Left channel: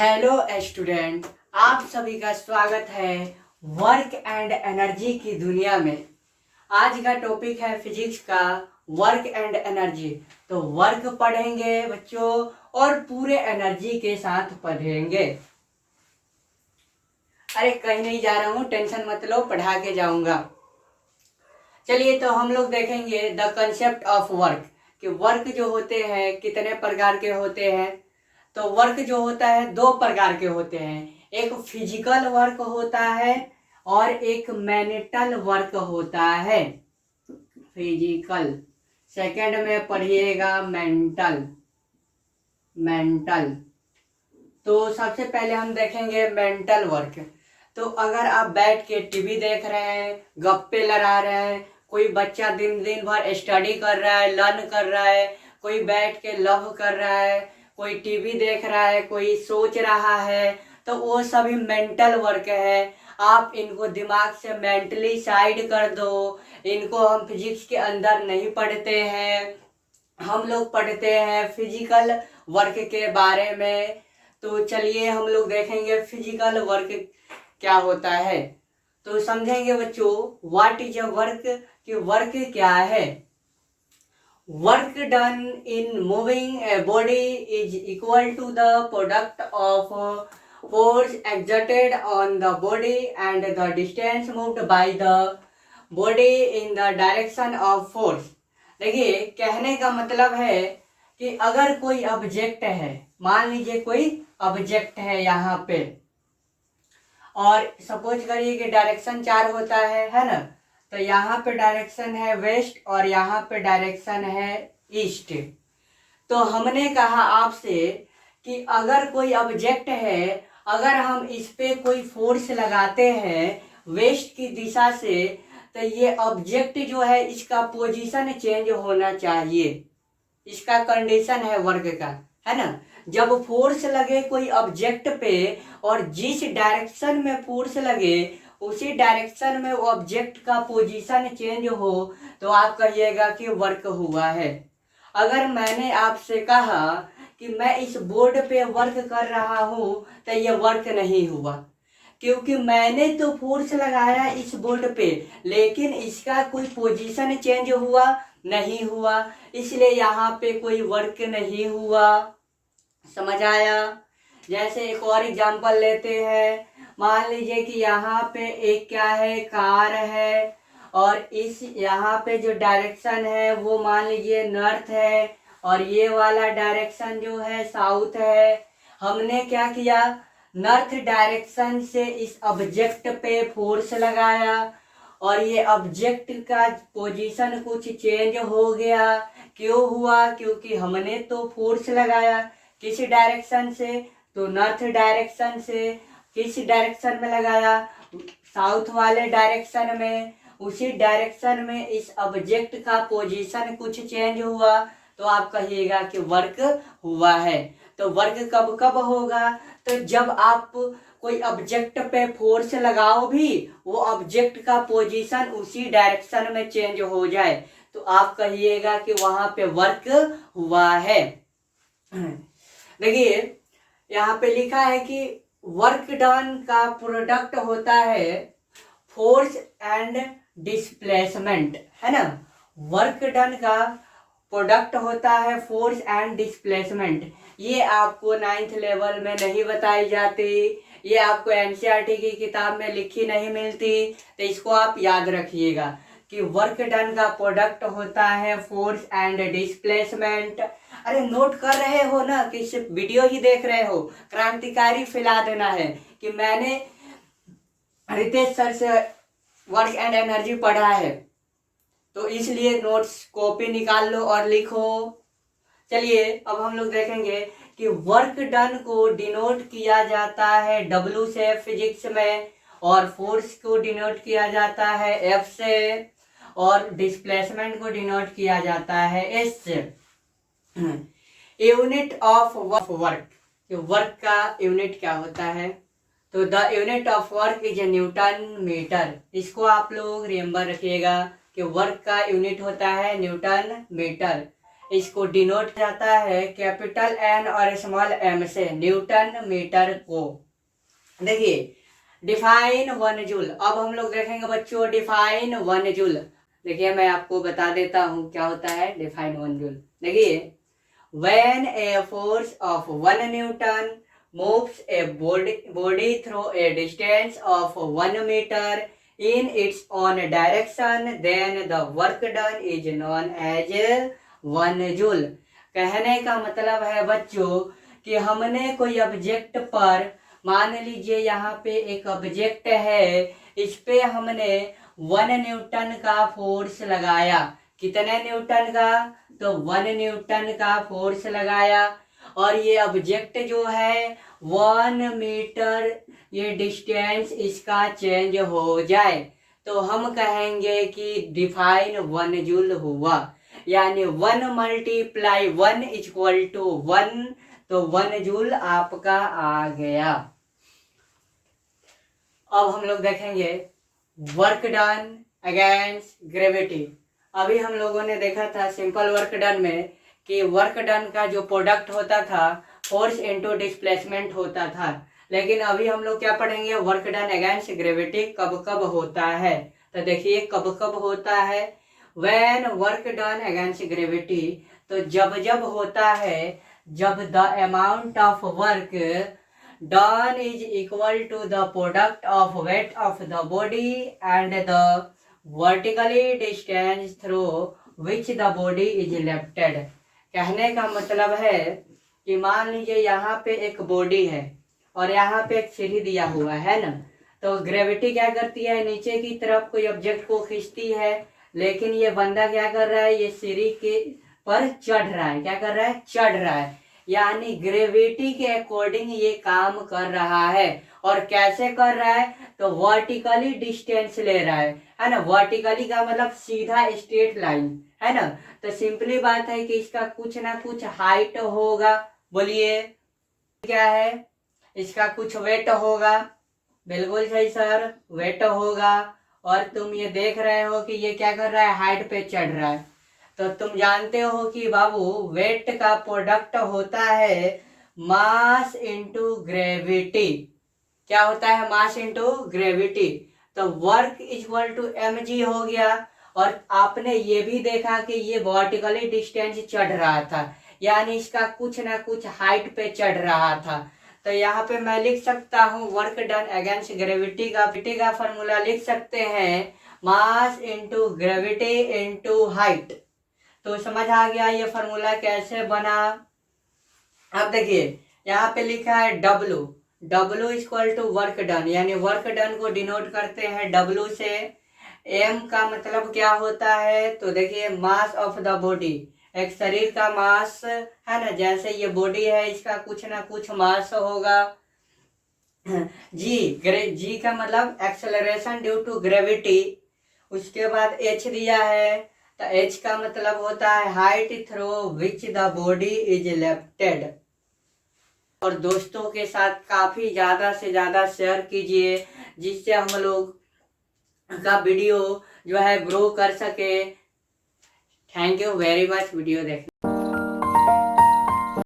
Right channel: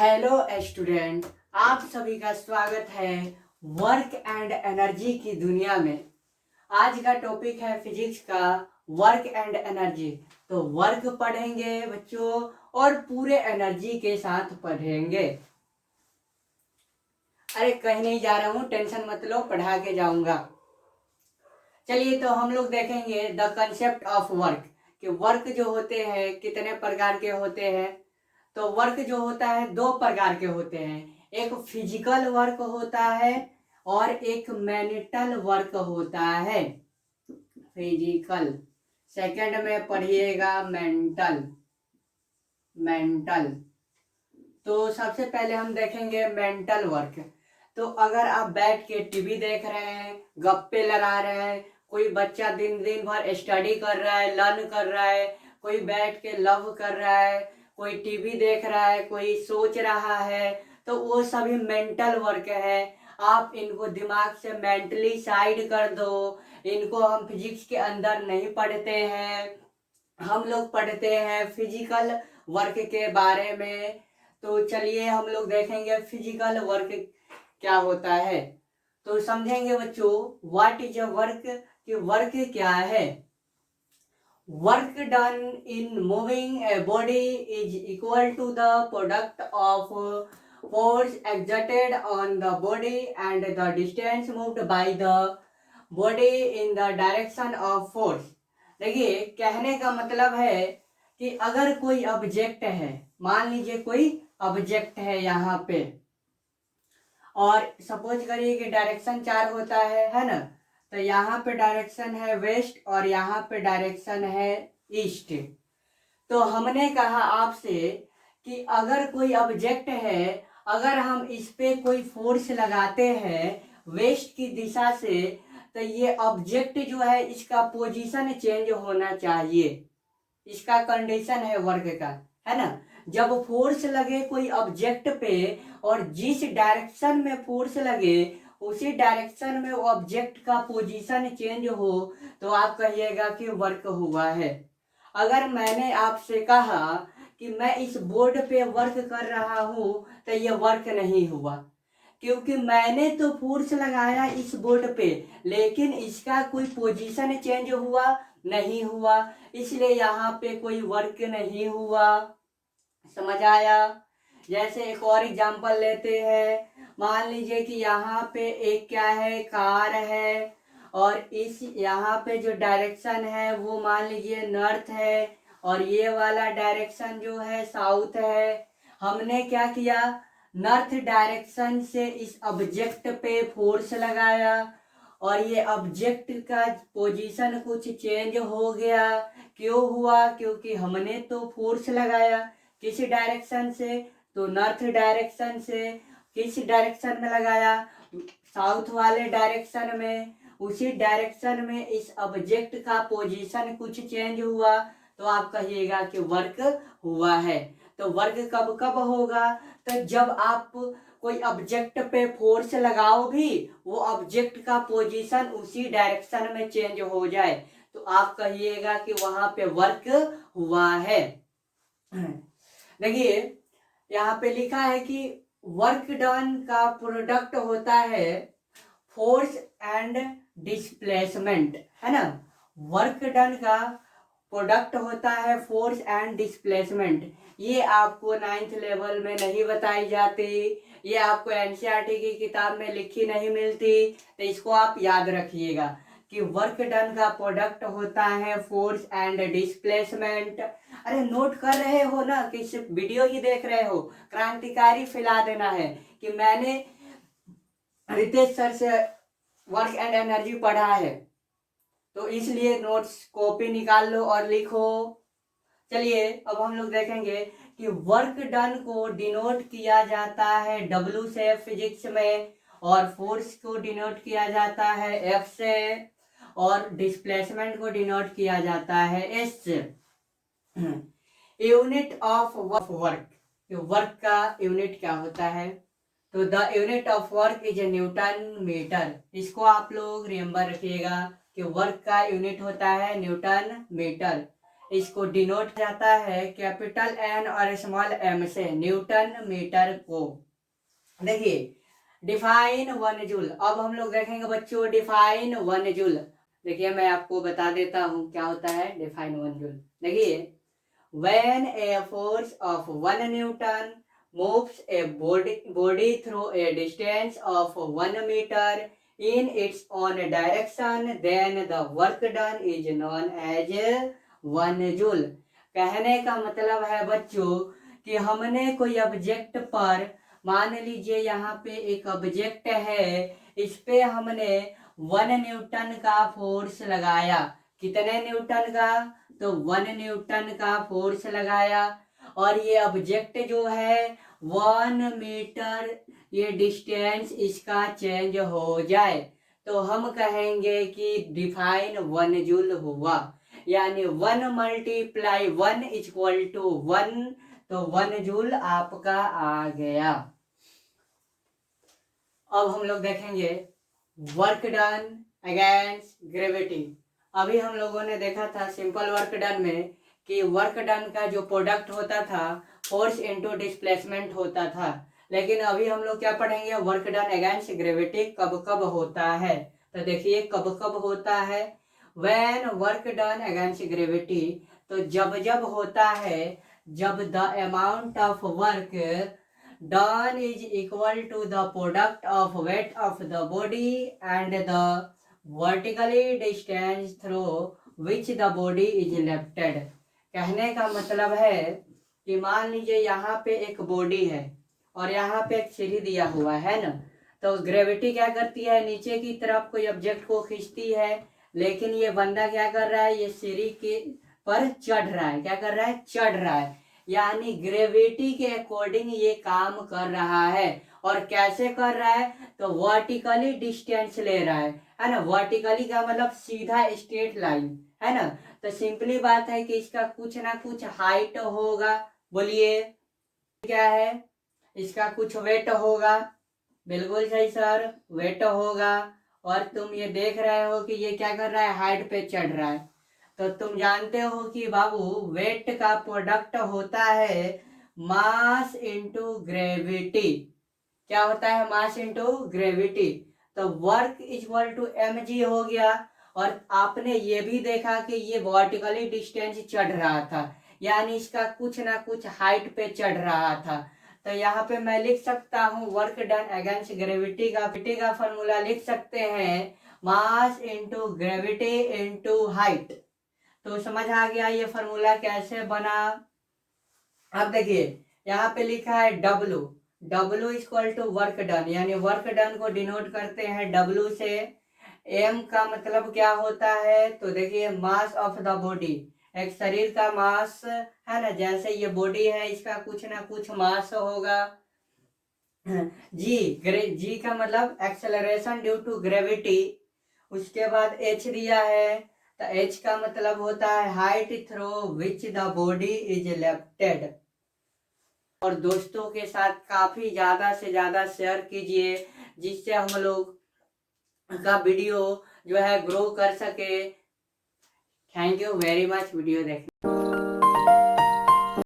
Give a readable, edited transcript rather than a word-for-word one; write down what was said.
Hello student, आप सभी का स्वागत है वर्क एंड एनर्जी की दुनिया में। आज का टॉपिक है फिजिक्स का वर्क एंड एनर्जी। तो वर्क पढ़ेंगे बच्चों और पूरे एनर्जी के साथ पढ़ेंगे। अरे कहीं नहीं जा रहा हूँ, टेंशन मत लो, पढ़ा के जाऊंगा। चलिए तो हम लोग देखेंगे द कंसेप्ट ऑफ वर्क कि वर्क जो होते हैं कितने प्रकार के होते हैं। तो वर्क जो होता है दो प्रकार के होते हैं, एक फिजिकल वर्क होता है और एक मेंटल वर्क होता है। फिजिकल, सेकंड में पढ़िएगा मेंटल। मेंटल तो सबसे पहले हम देखेंगे मेंटल वर्क। तो अगर आप बैठ के टीवी देख रहे हैं, गप्पे लड़ा रहे हैं, कोई बच्चा दिन दिन भर स्टडी कर रहा है, लर्न कर रहा है, कोई बैठ के लव कर रहा है, कोई टीवी देख रहा है, कोई सोच रहा है, तो वो सभी मेंटल वर्क है। आप इनको दिमाग से मेंटली साइड कर दो। इनको हम फिजिक्स के अंदर नहीं पढ़ते हैं, हम लोग पढ़ते हैं फिजिकल वर्क के बारे में। तो चलिए हम लोग देखेंगे फिजिकल वर्क क्या होता है। तो समझेंगे बच्चों व्हाट इज अ वर्क, कि वर्क क्या है। Work done in moving a body is equal to the product of force exerted on the body and the distance moved by the body in the direction of force। देखिए कहने का मतलब है कि अगर कोई ऑब्जेक्ट है, मान लीजिए कोई ऑब्जेक्ट है यहाँ पे, और सपोज करिए कि डायरेक्शन 4 होता है ना। तो यहाँ पे डायरेक्शन है वेस्ट और यहाँ पे डायरेक्शन है ईस्ट। तो हमने कहा आपसे कि अगर कोई ऑब्जेक्ट है, अगर हम इस पे कोई फोर्स लगाते हैं वेस्ट की दिशा से, तो ये ऑब्जेक्ट जो है इसका पोजीशन चेंज होना चाहिए। इसका कंडीशन है वर्क का, है ना। जब फोर्स लगे कोई ऑब्जेक्ट पे और जिस डायरेक्शन में फोर्स लगे उसी डायरेक्शन में ऑब्जेक्ट का पोजीशन चेंज हो, तो आप कहिएगा कि वर्क हुआ है। अगर मैंने आपसे कहा कि मैं इस बोर्ड पे वर्क कर रहा हूँ, तो ये वर्क नहीं हुआ, क्योंकि मैंने तो फोर्स लगाया इस बोर्ड पे, लेकिन इसका कोई पोजीशन चेंज हुआ नहीं हुआ, इसलिए यहाँ पे कोई वर्क नहीं हुआ। समझ आया। जैसे एक और एग्जांपल लेते हैं, मान लीजिए कि यहाँ पे एक क्या है, कार है, और इस यहाँ पे जो डायरेक्शन है वो मान लीजिए नॉर्थ है, और ये वाला डायरेक्शन जो है साउथ है। हमने क्या किया, नॉर्थ डायरेक्शन से इस ऑब्जेक्ट पे फोर्स लगाया और ये ऑब्जेक्ट का पोजीशन कुछ चेंज हो गया। क्यों हुआ, क्योंकि हमने तो फोर्स लगाया किस डायरेक्शन से, तो नॉर्थ डायरेक्शन से। किस डायरेक्शन में लगाया, साउथ वाले डायरेक्शन में। उसी डायरेक्शन में इस ऑब्जेक्ट का पोजीशन कुछ चेंज हुआ, तो आप कहिएगा कि वर्क हुआ है। तो वर्क कब कब होगा, तो जब आप कोई ऑब्जेक्ट पे फोर्स लगाओ भी, वो ऑब्जेक्ट का पोजीशन उसी डायरेक्शन में चेंज हो जाए, तो आप कहिएगा कि वहां पे वर्क हुआ है। देखिए यहाँ पे लिखा है कि वर्क डन का प्रोडक्ट होता है फोर्स एंड डिस्प्लेसमेंट, है ना। वर्क डन का प्रोडक्ट होता है फोर्स एंड डिस्प्लेसमेंट। ये आपको 9th लेवल में नहीं बताई जाती, ये आपको एनसीईआरटी की किताब में लिखी नहीं मिलती। तो इसको आप याद रखिएगा कि वर्क डन का प्रोडक्ट होता है फोर्स एंड डिस्प्लेसमेंट। अरे नोट कर रहे हो ना, कि सिर्फ वीडियो ही देख रहे हो, क्रांतिकारी फैला देना है कि मैंने रितेश सर से वर्क एंड एनर्जी पढ़ा है, तो इसलिए नोट्स कॉपी निकाल लो और लिखो। चलिए अब हम लोग देखेंगे कि वर्क डन को डिनोट किया जाता है W से फिजिक्स में, और फोर्स को डिनोट किया जाता है F से, और डिस्प्लेसमेंट को डिनोट किया जाता है S से। यूनिट ऑफ वर्क, वर्क का यूनिट क्या होता है, तो the unit of work is newton metre. इसको आप लोग रिमेंबर रखिएगा कि वर्क का यूनिट होता है न्यूटन मीटर। इसको डिनोट जाता है कैपिटल एन और स्मॉल एम से, न्यूटन मीटर को। देखिए डिफाइन 1 जूल। अब हम लोग देखेंगे बच्चों डिफाइन 1 जूल। देखिए मैं आपको बता देता हूँ क्या होता है डिफाइन 1 जूल। देखिए when a force of 1 Newton moves a body through a distance of 1 meter in its own direction, then the work done is known as 1 joule। कहने का मतलब है बच्चों कि हमने कोई ऑब्जेक्ट पर, मान लीजिए यहाँ पे एक ऑब्जेक्ट है, इस पे हमने 1 न्यूटन का फोर्स लगाया। कितने न्यूटन का? तो 1 न्यूटन का फोर्स लगाया और ये ऑब्जेक्ट जो है 1 मीटर ये डिस्टेंस इसका चेंज हो जाए तो हम कहेंगे कि डिफाइन 1 जूल हुआ। यानी 1 मल्टीप्लाई 1 इक्वल टू 1, तो 1 जूल आपका आ गया। अब हम लोग देखेंगे वर्क डन अगेंस्ट ग्रेविटी। अभी हम लोगों ने देखा था सिंपल वर्क डन में कि वर्क डन का जो प्रोडक्ट होता था फोर्स इनटू डिस्प्लेसमेंट होता था, लेकिन अभी हम लोग क्या पढ़ेंगे वर्क डन अगेंस्ट ग्रेविटी कब कब होता है। तो देखिए कब कब होता है when work done against gravity, तो जब जब होता है जब the amount of work done is equal to the product of weight of the body and the vertically distance through which the body is lifted. कहने का मतलब है कि मान लीजिए यहाँ पे एक बॉडी है और यहाँ पे एक सीढ़ी दिया हुआ है ना, तो ग्रेविटी क्या करती है नीचे की तरफ कोई ऑब्जेक्ट को खींचती है, लेकिन ये बंदा क्या कर रहा है ये सीढ़ी के पर चढ़ रहा है। क्या कर रहा है? चढ़ रहा है। यानी ग्रेविटी के अकॉर्डिंग ये काम कर रहा है। और कैसे कर रहा है? तो वर्टिकली डिस्टेंस ले रहा है ना। वर्टिकली का मतलब सीधा स्ट्रेट लाइन है ना। तो सिंपली बात है कि इसका कुछ ना कुछ हाइट होगा। बोलिए क्या है? इसका कुछ वेट होगा। बिल्कुल सही सर, वेट होगा। और तुम ये देख रहे हो कि ये क्या कर रहा है? हाइट पे चढ़ रहा है। तो तुम जानते हो कि बाबू वेट का प्रोडक्ट होता है मास इनटू ग्रेविटी। क्या होता है? Mass into gravity. तो वर्क इक्वल टू mg हो गया। और आपने ये भी देखा कि ये वर्टिकली डिस्टेंस चढ़ रहा था, यानी इसका कुछ ना कुछ हाइट पे चढ़ रहा था। तो यहाँ पे मैं लिख सकता हूँ वर्क डन अगेंस्ट ग्रेविटी का फॉर्मूला लिख सकते हैं mass into gravity into height. तो समझ आ गया ये फॉर्मूला कैसे बना। अब देखिए यहाँ पे लिखा है W equal to work done, यानी वर्क डन को डिनोट करते हैं W से। M का मतलब क्या होता है? तो देखिए मास ऑफ द बॉडी, एक शरीर का मास है ना, जैसे ये बॉडी है इसका कुछ ना कुछ मास होगा। जी का मतलब एक्सेलरेशन ड्यू टू ग्रेविटी। उसके बाद H दिया है, तो H का मतलब होता है height through which the body is lifted. और दोस्तों के साथ काफ़ी ज़्यादा से ज़्यादा शेयर कीजिए जिससे हम लोग का वीडियो जो है ग्रो कर सके। Thank you very much video देखने।